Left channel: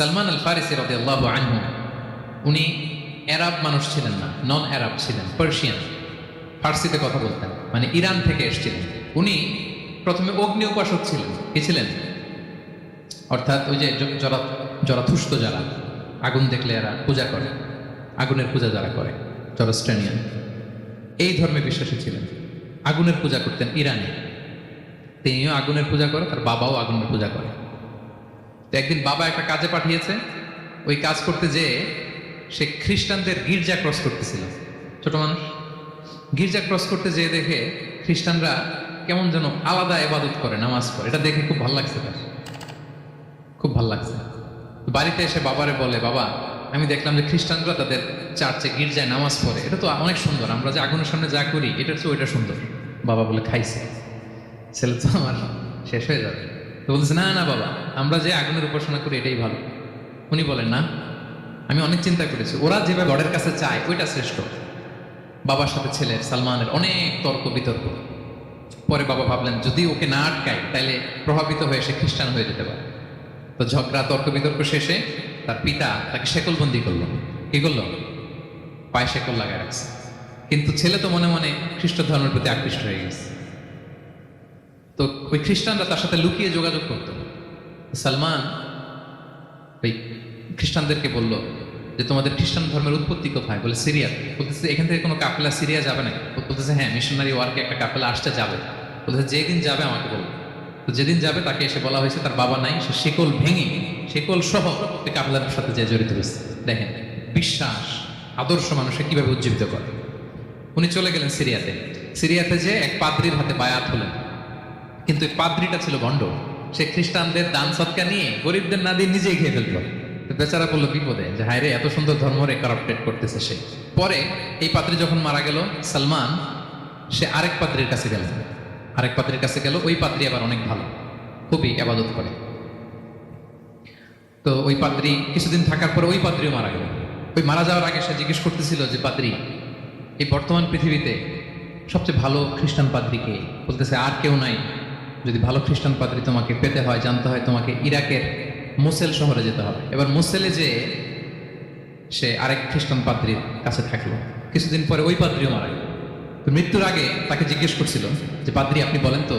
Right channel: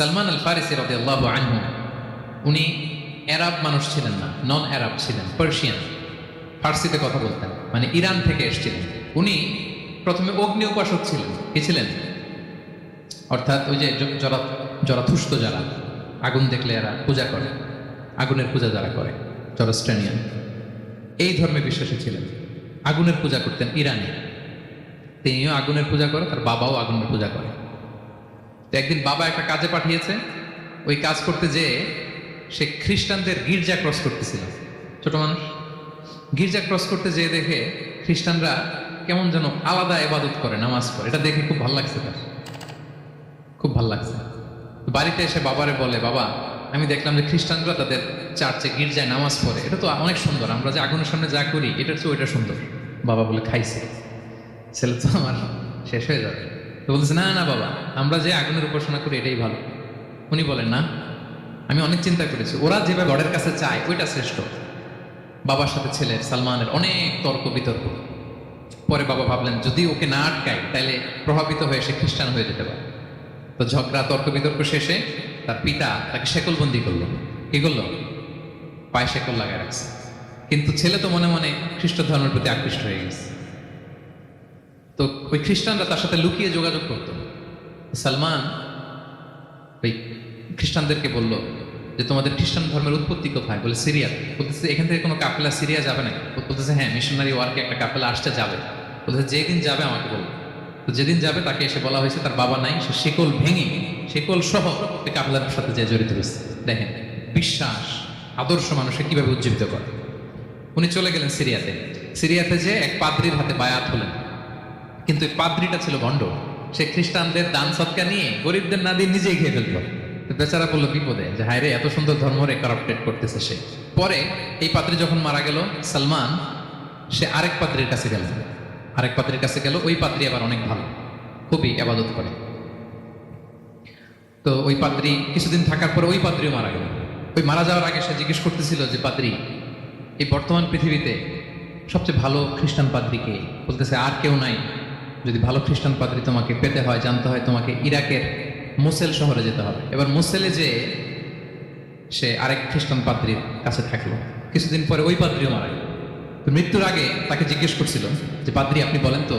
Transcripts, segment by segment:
সালমান আল ফারিসি রাদিয়াল্লাহু আনহু উনি আরব মানুষ ছিলেন না, নন আরব ছিলেন, পার্সিয়ান, ফার্সিতে কথা বলতেন, মানে ইরান থেকে এসেছিলেন। উনি প্রথমে অগ্নি উপাসক ছিলেন। কি ছিলেন? অর্থাৎ ওই যে জরাথুষ্ট যারা আগুন দেখলে এরা পূজা করে, আগুনের পূজা যারা করে, জরস্ট্রানিয়ান, এই ধর্মে বিশ্বাসী ছিলেন। আগুনের পূজা করতেন ইরানে। একদিন বাবা একটা কাজে পাঠিয়েছে, ওই কাজ করতে যেয়ে সে খ্রিস্টানদের গির্জা ক্রস করতেছিল। ছোট মানুষ গির্জা ক্রস করতে যেয়ে দেখে খ্রিস্টানরা কেমন যেন আলাদা ইবাদত করে, নামাজ পড়ে। এটা দেখে খুব ভালো লাগছে তার, খুব ভালো লাগছে। বাড়িতে এসে বাবারে বলে, বাবা আমি দেখলাম যে খ্রিস্টানরা তাদের চার্চে গির্জায় নামাজ পড়ে, এটা তো অনেক সুন্দর, আমরা যে আগুনের সামনে যা করি এটা তো ওইটা সুন্দর। বাবা বলে, খাইছে ছেলে তো আমার শেষ হয়ে যাবে। তো বলছে, না না বাবা, আমরা যে আগুনের উপাসনা করি এটাই ভালো। উনি বলেন, না, আমি অনেক চিন্তা করেছি, ওরা যেভাবে গডের কাছে চায় ওইটা শ্রেষ্ঠ। বাবার সাথে ছেলের সালমানের অনেক তর্ক বিতর্ক। পরে বাবা ভাবলেন, যদি ওকে না আটকায় তাহলে প্রভাবিত হয়ে সে খ্রিস্টান হয়ে যেতে পারে। তো ঝগড়া তর্ক বিতর্ক শেষে তার পিতা তাকে শেকলবন্দি করলো। কি করলো? পায়ে শেকল লাগায় রাখছে। কিন্তু ছেলে তো মনে মনে খ্রিস্ট ধর্মের প্রতি আকৃষ্ট হয়ে গেছে। তো ওই খ্রিস্টানরা তার সাথে লুকিয়ে যোগাযোগ করত। সালমান ওই খ্রিস্টানদেরকে বলল যে, তোমাদের খ্রিস্টান ধর্মের উৎপত্তি কোথায়? বলে, সিরিয়া। বলতেছে, এখান থেকে কোনো কাফেলা সিরিয়া যাবে না? বলতেছে, হ্যাঁ, মিশনারি ওয়ার্কে একটা কাফেলা আসতে যাবে। বলতেছে, যেদিন যাবে আমাকে বলবো। তো যেদিন যাবে তাকে এসে বলা হয়েছে তার বাবা নাই, সে শেকল ভেঙে শেকল সহ কাফেলার সাথে যে জড়িত হয়েছে। দেখেন বিশ্বাস, আদর্শ মানুষকে কিভাবে উজ্জীবিত করে। উনি চলে গেলেন সিরিয়াতে। সিরিয়াতে যে এক পাদ্রির হাতে বায়াত হলেন, কিন্তু পাদ্রিটা ছিল ভণ্ড। সে খ্রিস্টানদের দান সৎকার নিয়ে গরিবদের না দিয়ে নিজেই খেয়ে ফেলত। বেচারা বললো বিপদে, যে হায় রে, এত সুন্দর ধর্মরে কারাপ্টেড করতেছে সে। পরে এই পাদ্রী যখন মারা গেল, সালমান সে আরেক পাদ্রীর কাছে গেল। আরেক পাদ্রীর কাছে গেল। ওই পাদ্রী আবার অনেক ভালো, খুবই ইবাদত করে। তো ওই পাদ্রী কিছুদিন থাকার পর ওই পাদ্রীও মারা গেল। ওই মারা যাওয়ার আগে সে জিজ্ঞেস করতেছিল যে, পাদ্রী, এই বর্তমান পৃথিবীতে সবচেয়ে ভালো খ্রিস্টান পাদ্রীকে? বলতেছে, আর কেউ নাই। যদি ভালো খ্রিস্টান পাদ্রী তোমাকে পেতে হয়, জানতে হয়, তোমাকে ইরাকের মুসেল শহরে যেতে হবে। এবার মুসেলে যে সে আরেক খ্রিস্টান পাদ্রীর কাছে থাকলো। কিছুদিন পরে ওই পাদ্রীও মারা গেল। তো মৃত্যুর আগে তাকে জিজ্ঞেস করছিল যে, পাদ্রী আপনি বলেন তো,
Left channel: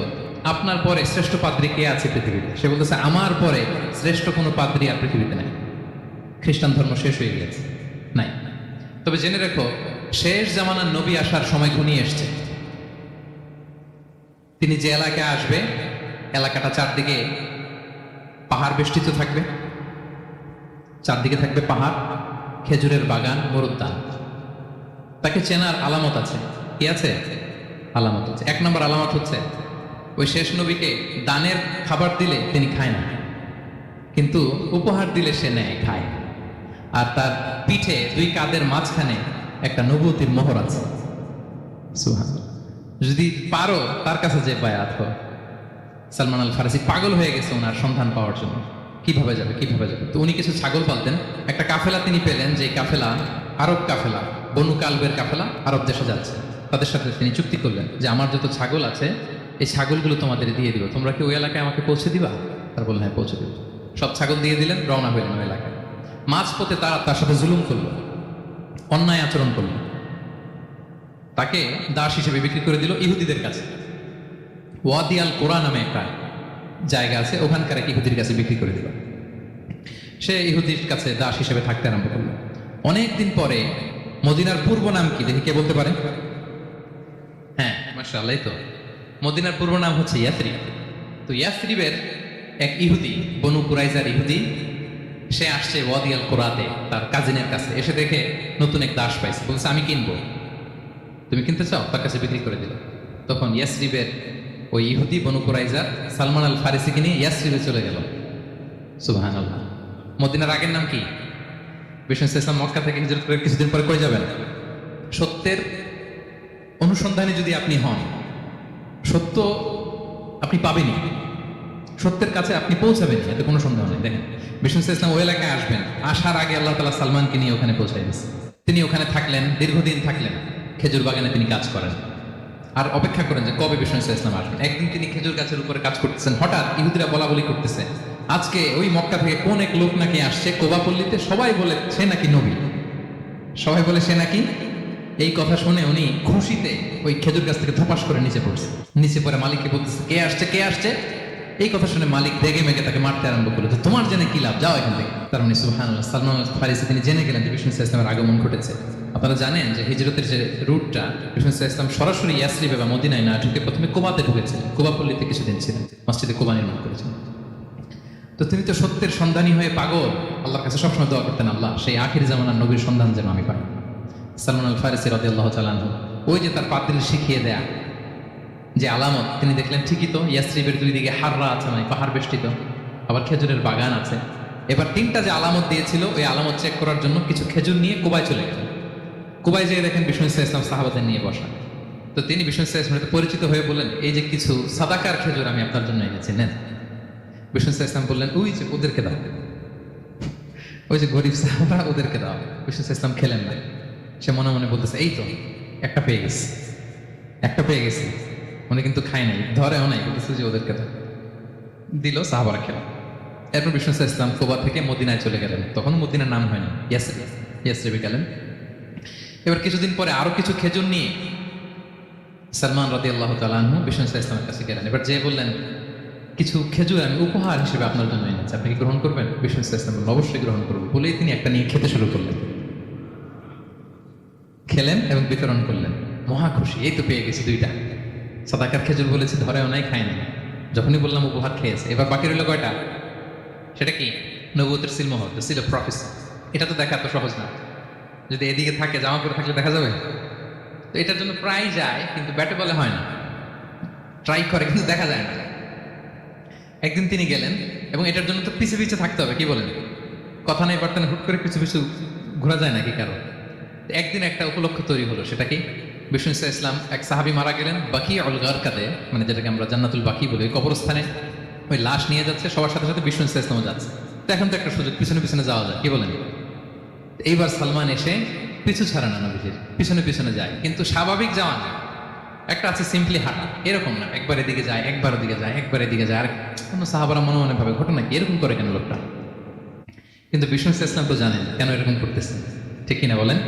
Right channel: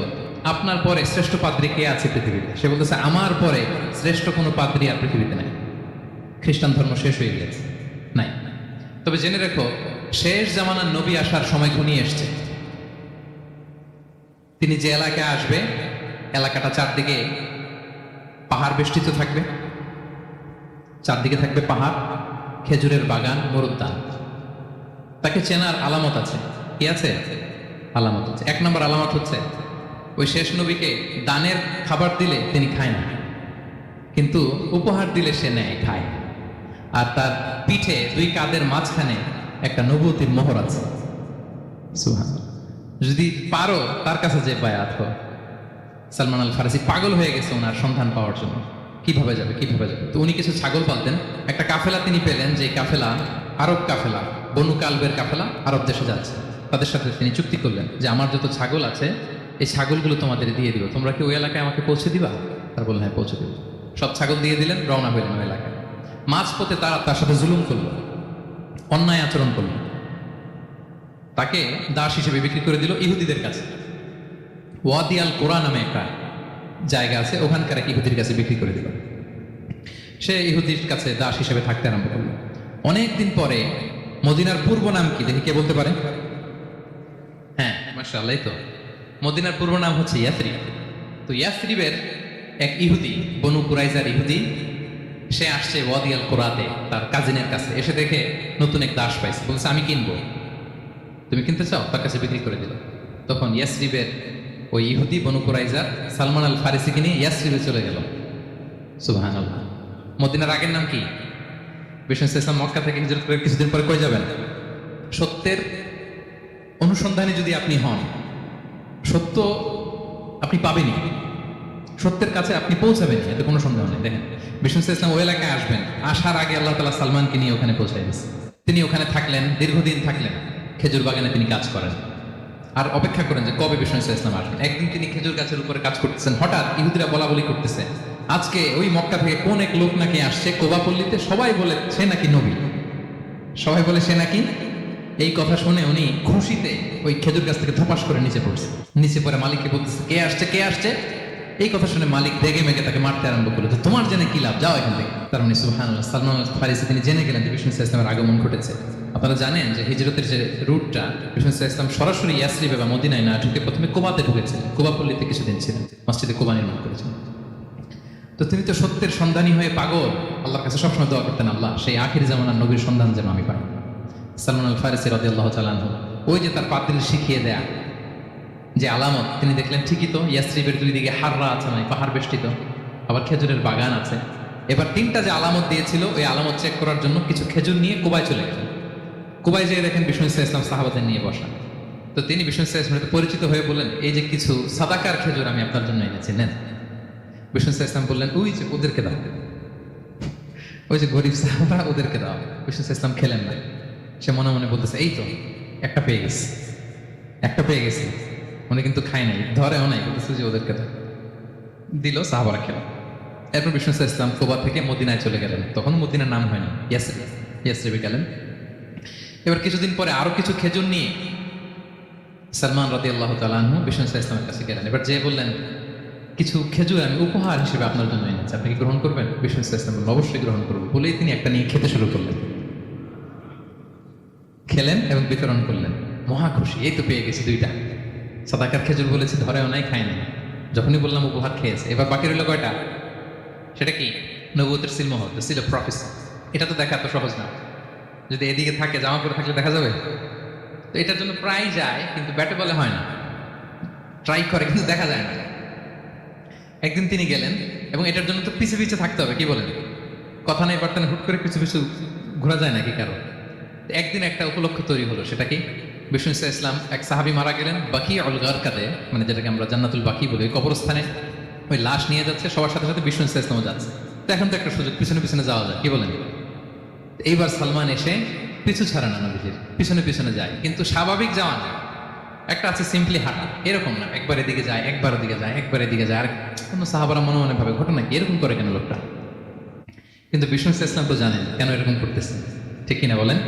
আপনার পরে শ্রেষ্ঠ পাদ্রী কে আছে পৃথিবীতে? সে বলতেছে, আমার পরে শ্রেষ্ঠ কোনো পাদ্রী আর পৃথিবীতে নাই। খ্রিস্টান ধর্ম শেষ হয়ে গেছে, নাই। তবে জেনে রেখো, শেষ জামানার নবী আসার সময় ঘনিয়ে এসছে। তিনি যে এলাকায় আসবে, এলাকাটা চারদিকে পাহাড় বেষ্টিত থাকবে, চারদিকে থাকবে পাহাড়, খেজুরের বাগান, মরুদ্যান। তাকে চেনার আলামত আছে। কি আছে? আলামত আছে। এক নম্বর আলামত হচ্ছে, ওই শেষ নবীকে দানের খাবার দিলে তিনি খায় না, কিন্তু উপহার দিলে সে নেয়, খায়। আর তার পিঠে দুই কাঁধের মাঝখানে একটা নবুয়তির মোহর আছে। যদি পারো তার কাছে যে বায়াত করো। সালমান আল ফারিসি পাগল হয়ে গেছে ওনার সন্তান পাওয়ার জন্য। কিভাবে যাবে, কিভাবে যাবে? তো উনি কিছু ছাগল পালতেন। একটা কাফেলা তিনি পেলেন, যে কাফেলা আরব কাফেলা, বনু কালবের কাফেলা, আরব দেশে যাচ্ছে। তাদের সাথে তিনি চুক্তি করলেন যে, আমার যত ছাগল আছে এই ছাগলগুলো তোমাদের দিয়ে দিবা, তোমরা কি ওই এলাকায় আমাকে পৌঁছে দিবা? তারা বললেন, হ্যাঁ, পৌঁছে দিবা। সব ছাগল দিয়ে দিলেন, রওনা হইলেন ওই এলাকায়। মাঝপথে তারা তার সাথে জুলুম করলো, অন্যায় আচরণ করলো। তাকে দাস হিসেবে বিক্রি করে দিল ইহুদিদের কাছে। ওয়াদি আল কোরা নামে একটা জায়গা আছে, ওখানকার এক ইহুদির কাছে বিক্রি করে দিল। সে ইহুদির কাছে দাস হিসেবে থাকতে আরম্ভ করল। অনেকদিন পরে মদিনার পূর্ব নাম কি দেখি কে বলতে পারেন? হ্যাঁ, মাশাআল্লাহ, তো মদিনার পূর্ব নাম হচ্ছে ইয়াসরিব। তো ইয়াসরিবের এক ইহুদি, বনু কুরাইজার ইহুদি, সে আসছে ওয়াদি আল কোরাতে তার কাজিনের কাছে। এসে দেখে নতুন এক দাস পাইছে, বলছে, আমি কিনবো, তুমি কিনতে চাও? তার কাছে বিক্রি করে দিল। তখন ইয়াসরিবের ওই ইহুদি বনু কুরাইজা সালমান আল ফারিসিকে নিয়ে ইয়াসরিবে চলে গেল। সুবহানাল্লাহ। মদিনার আগের নাম কি? বিষ্ণু ইসলাম মক্কা থেকে হিজরত করে কিছুদিন পরে কই যাবেন? সত্যের অনুসন্ধানে যদি আপনি হন, সত্য আপনি পাবেনই, সত্যের কাছে আপনি পৌঁছাবেন, এতে কোনো সন্দেহ নেই। দেখেন, বিষ্ণু ইসলাম ওই এলাকায় আসবেন, আসার আগে আল্লাহ তাআলা সালমানকে নিয়ে ওখানে পৌঁছাই দিয়েছে। তিনি ওখানে থাকলেন, দীর্ঘদিন থাকলেন, খেজুর বাগানে তিনি কাজ করেন আর অপেক্ষা করেন যে কবে বিষ্ণু ইসলাম আসবেন। একদিন তিনি খেজুর গাছের উপরে কাজ করতেছেন, হঠাৎ ইহুদিরা বলা বলি করতেছে, আজকে ওই মক্কা থেকে কোন এক লোক নাকি আসছে কোবাপল্লীতে, সবাই বলে সে নাকি নবী, সবাই বলে সে নাকি। এই কথা শুনে উনি খুশিতে ওই খেজুর গাছ থেকে ধপাস করে নিচে পড়ছে। নিচে পড়ে মালিককে বলতেছে, কে আসছে কে আসছে। এই কথা শুনে মালিক রেগে মেগে তাকে মারতে আরম্ভ করলো, তো তোমার জেনে কি লাভ, যাও এখান থেকে। তার মানে সুবহানাল্লাহ, সালমান আল ফারিসি তিনি জেনে গেলেন যে বিষ্ণু ইসলামের আগমন ঘটেছে। আপনারা জানেন যে হিজরতের যে রুটটা, বিষ্ণু ইসলাম সরাসরি ইয়াসরিবে বা মদিনায় না ঢুকে প্রথমে কোবাতে ঢুকেছেন, কোবাপল্লীতে কিছুদিন ছিলেন, মসজিদে কোবা নির্মাণ করেছেন। তো তিনি তো সত্যের সন্ধানী হয়ে পাগল, আল্লাহর কাছে সবসময় দোয়া করতেন, আল্লাহ সেই আখির জামানার নবীর সন্ধান যেন আমি পাই। সালমান আল ফারিসি রাদিয়াল্লাহু তাআলা আনহু, ওই যে তার পাদ্রী শিখিয়ে দেয়া যে আলামত, তিনি দেখলেন ঠিকই তো ইয়াসরিবের দুই দিকে হাররা আছে, মানে পাহাড় বেষ্টিত, আবার খেজুরের বাগান আছে। এবার তিনটা যে আলামত দিয়েছিল, ওই আলামত চেক করার জন্য কিছু খেজুর নিয়ে কুবায় চলে গেলেন। কুবায় যেয়ে দেখেন বিষ্ণু ইসলাম সাহাবাদের নিয়ে বসা। তো তিনি বিষ্ণু ইসলামের পরিচিত হয়ে বললেন, এই যে কিছু সাদাকার খেজুর আমি আপনার জন্য এনেছি, নেন। বিষ্ণু ইসলাম বললেন, ওই যে ওদেরকে দাও, ওই যে গরিব সাহাবা ওদেরকে দাও। বিষ্ণু ইসলাম খেলেন না, সে মনে মনে বলতেছে, এই তো একটা পেয়ে গেছে, একটা পেয়ে গেছে। উনি কিন্তু খায় নাই, ধরেও নাই, বলতেছে যে ওদেরকে দাও। দিল, সাহাবারা খেলেন। এরপর বিষ্ণু ইসলাম কোবা থেকে মদিনায় চলে গেলেন। তখন মদিনার নাম হয়নি, ইয়াসরিবে গেলেন। এবার কিছুদিন পরে আরো কিছু খেজুর নিয়ে সালমান রাদিয়াল্লাহু তাআলা আনহু বিষ্ণু ইসলামের কাছে গেলেন। এবার যে বললেন, কিছু খেজুর আমি উপহার হিসেবে আপনার জন্য এনেছি, আপনি কি গ্রহণ করবেন? বিষ্ণু ইসলাম বললেন, অবশ্যই গ্রহণ করবো। বলেই তিনি একটা নিয়ে খেতে শুরু করলেন, খেলেন এবং বিতরণ করলেন। মহা খুশি, এই তো পেয়ে গেছি দুইটা সাদাকার খেজুর, বলেছি ধরেও নাই, খাইনি। যখনই বললাম উপহার খেয়েছে। এবার বাকি রইল কয়টা? সেটা কি? নবুয়তের সিল মোহর, দ্য সিল অফ প্রফেসি। এটা তো দেখা তো সহজ না, যদি এদিকে থাকে, জামা পরে থাকলে দেখা যাবে? তো এটার জন্য প্রায় যায়, কিন্তু ব্যাটে বলে হয় না, ট্রাই করে কিন্তু দেখা যায় না। একদিন তিনি গেলেন এবং এটার জন্য তো পিছু পিছু থাকতে হবে, কি বলেন? কথা নেই বার্তা, হুট করে পিছু পিছু ঘোরা যায় নাকি কারো? একদিন একটা উপলক্ষ তৈরি হলো, সেটা কি? বিষ্ণু ইসলাম এক সাহাবী মারা গেলেন, বাকি অল গারকাতে, মানে যেটাকে আমরা জান্নাতুল বাকি বলি, কবরস্থানে ওই লাশ নিয়ে যাচ্ছে, সবার সাথে সাথে বিষ্ণু ইসলামও যাচ্ছে। তো এখন তো একটা সুযোগ, পিছনে পিছনে যাওয়া যায়, কি বলেন? এইবার সালমান এসে পিছু ছাড়া না, নবীজির পিছনে পিছনে যায়, কিন্তু স্বাভাবিক যাওয়া যায়। একটা আছে সিম্পলি হাঁটা, এরকম না, একবার এদিকে যায়, একবার এদিকে যায়, একবার এদিকে যায়। আর সাহাবারা মনে মনে ভাবে, ঘটনা কি, এরকম করে কেন লোকটা? কিন্তু বিষ্ণু ইসলাম তো জানেন কেন এরকম করতেছেন, ঠিক কিনা বলেন?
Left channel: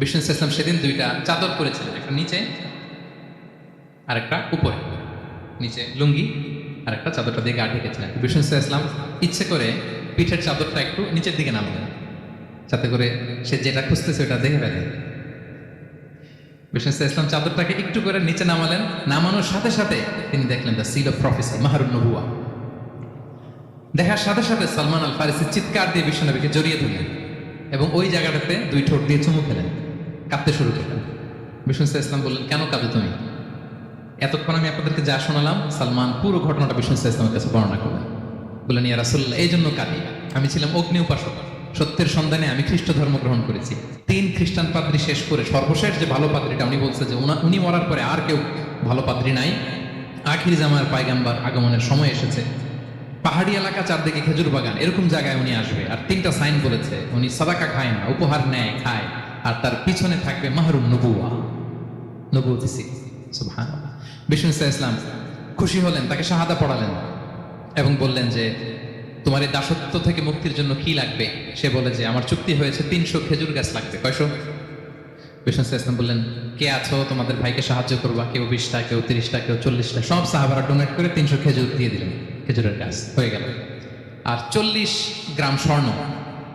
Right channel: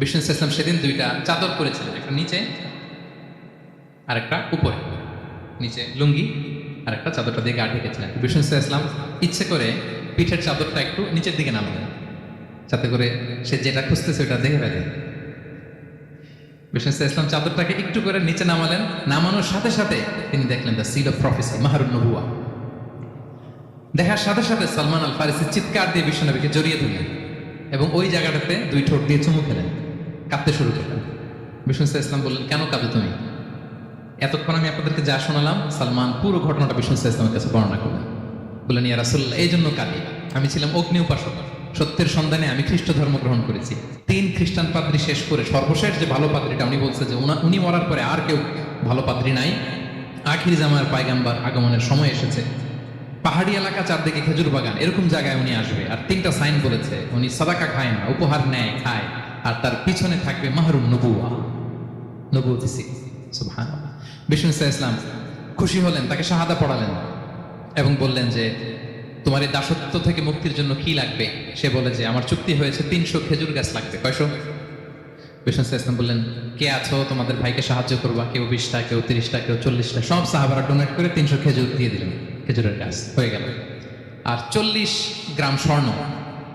বিষ্ণু ইসলাম সেদিন দুইটা চাদর করেছিলেন, একটা নিচে আর একটা উপরে। নিচে লুঙ্গি আর একটা চাদরটা দিয়ে গা ঢেকেছিলেন। বিষ্ণু ইসলাম ইচ্ছে করে পিঠের চাদরটা একটু নিচের দিকে নামালেন, যাতে করে সে যেটা খুঁজতেছে ওটা দেখবে। বিষ্ণু ইসলাম চাদরটাকে একটু করে নিচে নামালেন, নামানোর সাথে সাথে তিনি দেখলেন দ্য সিল অফ প্রফেসি, মাহরুন নবুয়া। দেখার সাথে সাথে সালমান আল ফারিসি চিৎকার দিয়ে বিশ্বনবীকে জড়িয়ে ধরলেন এবং ওই জায়গাটাতে দুই ঠোঁট দিয়ে চুমু খেলেন, কাঁদতে শুরু করলেন। বিষ্ণু ইসলাম বললেন, কেন কাঁদো তুমি? এতক্ষণ আমি আপনাদেরকে যা শোনালাম, সালমান পুরো ঘটনাটা বিষ্ণু ইসলামের কাছে বর্ণনা করলেন। বললেন, ইয়া রাসূলুল্লাহ, এই জন্য কাঁদি, আমি ছিলাম অগ্নি উপাসক, সত্যের সন্ধানে আমি খ্রিস্ট ধর্ম গ্রহণ করেছি। 3 খ্রিস্টান পাদ্রী শেষ করে সর্বশেষ যে ভালো পাদ্রীটা, উনি বলছে যে উনি মরার পরে আর কেউ ভালো পাদ্রী নাই, আখির জামানের পায়গাম্বার আগমনের সময় এসেছে। পাহাড়ি এলাকা, চারদিকে খেজুর বাগান, এরকম জায়গায় উনি আসবে। আর 3টা সাইন বলেছে, উনি সাদাকা খায় না, উপহার নেয়, খায়, আর তার পিছনে থাকবে মাহরুন নবুয়া, নবুয়তি সিল। সুবহানাল্লাহ। বিষ্ণু ইসলাম খুশি হলেন, তাকে শাহাদা পড়ালেন এবং বললেন যে, তোমার এই দাসত্ব থেকে মুক্তির জন্য কি লাগবে? সে বলে যে, আমার চুক্তি হয়েছে 300 খেজুর গাছ লাগবে। কয়শো? বিষ্ণু ইসলাম বললেন, কে আছো তোমাদের ভাইকে সাহায্য করবা? কেউ 20টা, কেউ 30টা, কেউ 40টা। সব সাহাবারা ডোনেট করে 300 খেজুর দিয়ে দিলেন, খেজুরের গাছ হয়ে গেল। আর 40 গ্রাম স্বর্ণ,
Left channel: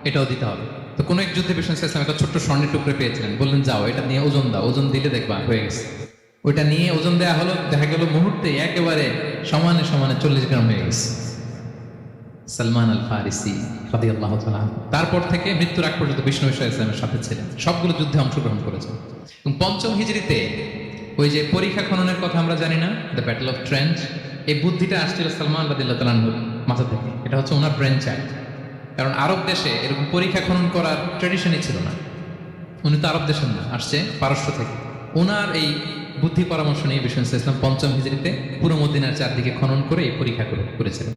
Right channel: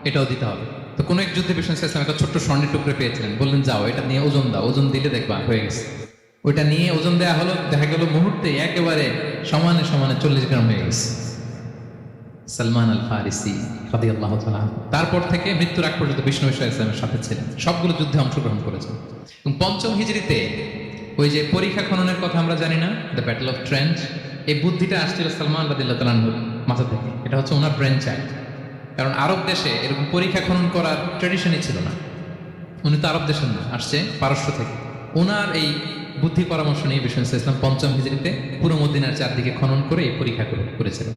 এটাও দিতে হবে। তো কোন এক যুদ্ধে বিষ্ণু ইসলাম একটা ছোট্ট স্বর্ণের টুকরে পেয়েছিলেন, বললেন, যাও এটা নিয়ে ওজন দাও, ওজন দিলে দেখবা হয়ে গেছে। ওইটা নিয়ে ওজন দেওয়া হলো, দেখা গেল মুহূর্তে একেবারে সমানে সমানে 40 গ্রাম হয়ে গেছে। সালমান আল ফারিসি রাদিয়াল্লাহু তাআলা, তারপর থেকে মৃত্যুর আগ পর্যন্ত বিষ্ণু ইসলামের সাথে ছিলেন, সবগুলো যুদ্ধে অংশগ্রহণ করেছেন। এবং 5ম হিজরিতে ওই যে পরীক্ষা খননের কথা আমরা জানি না, দ্য ব্যাটল অফ ট্রেন্ট, এই বুদ্ধিটা আসছিল সালমান রাদিয়াল্লাহু তাআলার মাথা থেকে। এটা হচ্ছে ওনার ব্রেন চাইল্ড, কারণ আরব দেশে এরকম পরীক্ষা খনন করার ট্রেডিশনই ছিল না। উনি তো আরব দেশের না, আসছে পারস্য থেকে। ওনার এই বুদ্ধি পরামর্শ নিয়ে বিষ্ণু ইসলাম 5ম হিজরিতে পুরো মদিনার চারদিকে খনন করে এই পরীক্ষা করেছিলেন।